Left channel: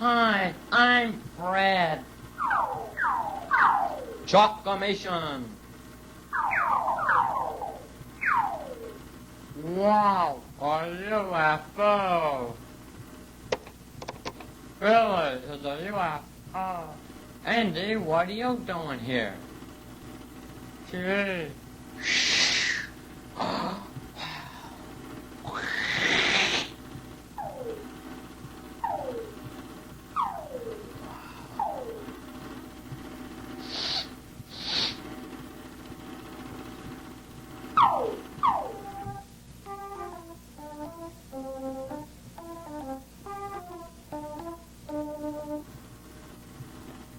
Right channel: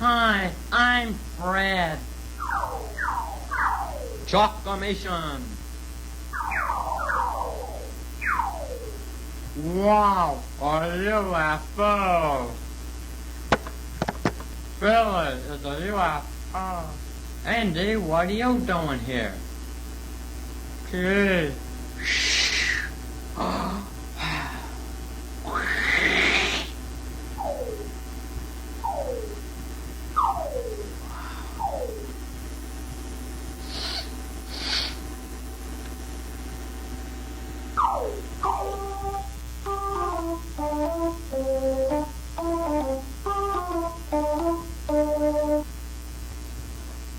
Hi, I'm Fred. Chalkamation. Wow, a UFO. Really, it's a UFO. Andy, what are you doing here? Gee.